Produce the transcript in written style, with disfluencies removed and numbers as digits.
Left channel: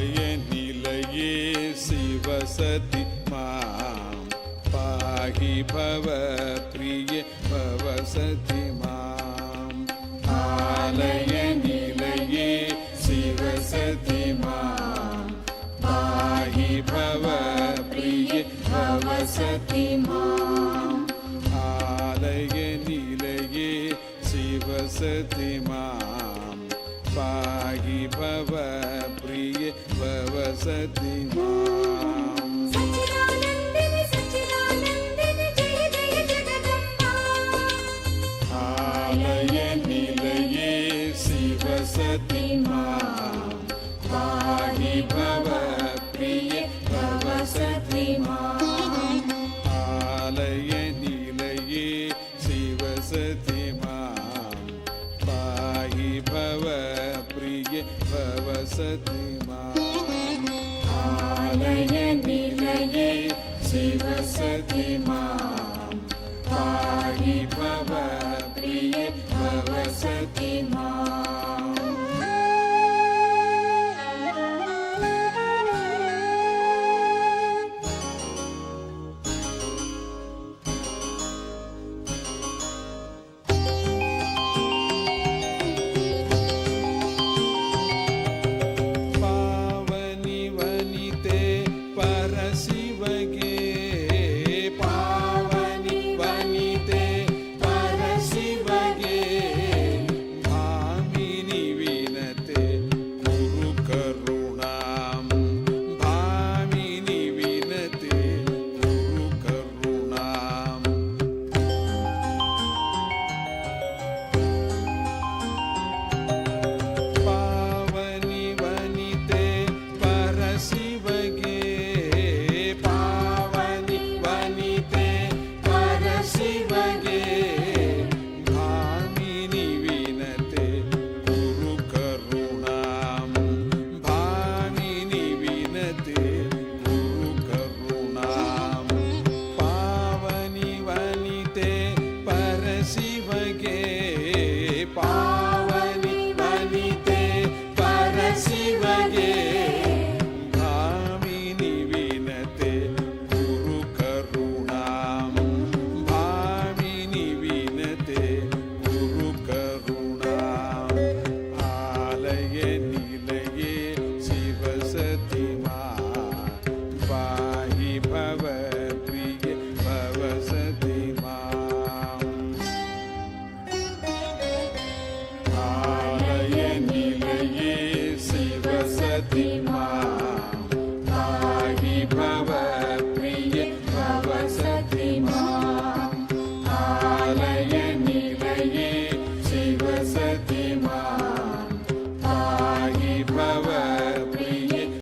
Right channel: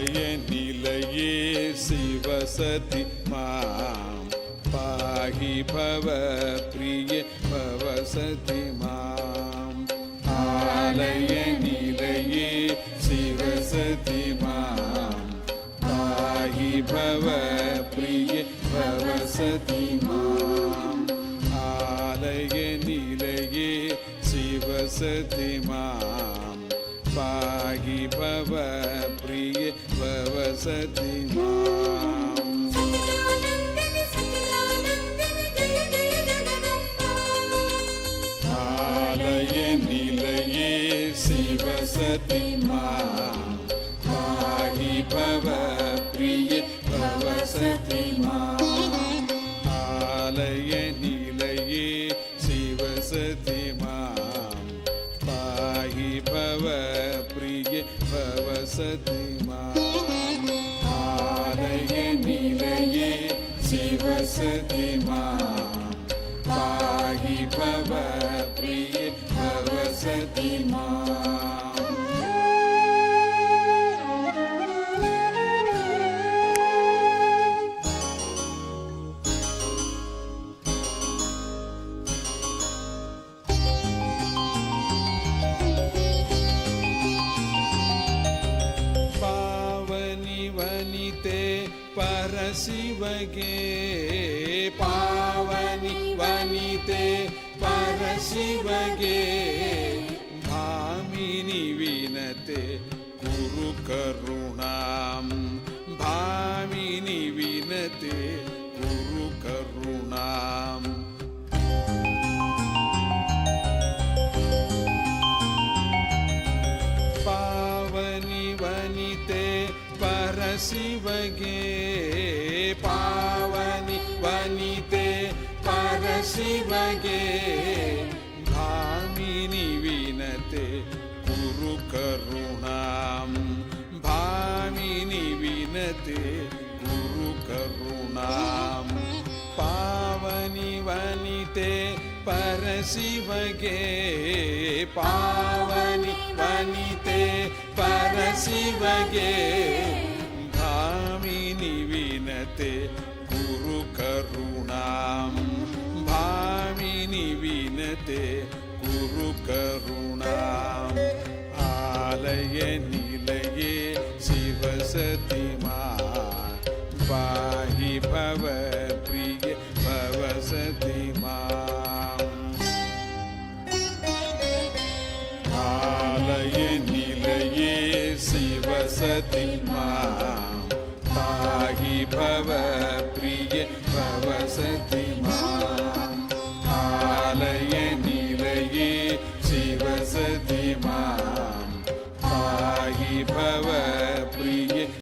ஆலய நிலையே சிவசதி மாம் பாகி பவ பிரிய பவசதி மாம். ஆலய நிலையே சிவசதி மாம் பாகி பவ பிரிய பவசதி மாம். ஆலய நிலையே சிவசதி மாம் பாகி பவ பிரிய பவசதி மாம். ஆலய நிலையே சிவசதி மாம் பாகி பவ பிரிய பவசதி மாம். ஆலய நிலையே சிவசதி மாம் பாகி பவ பிரிய பவசதி மாம். ஆலய நிலையே சிவசதி மாம் பாகி பவ பிரிய பவசதி மாம். परशिवगे पावनि वनिते परशिवगे भामिनि विनते गुरु करुणां. भामिनि विनते गुरु करुणां. पावनि वनिते परशिवगे पावनि वनिते परशिवगे भामिनि विनते गुरु करुणां. भामिनि विनते गुरु करुणां. पावनि वनिते परशिवगे पावनि वनिते परशिवगे भामिनि विनते गुरु करुणां. भामिनि विनते गुरु करुणां. आलय निलये शिवसति मां पाहि भव प्रिय भवसति मां. आलय निलये शिवसति मां पाहि भव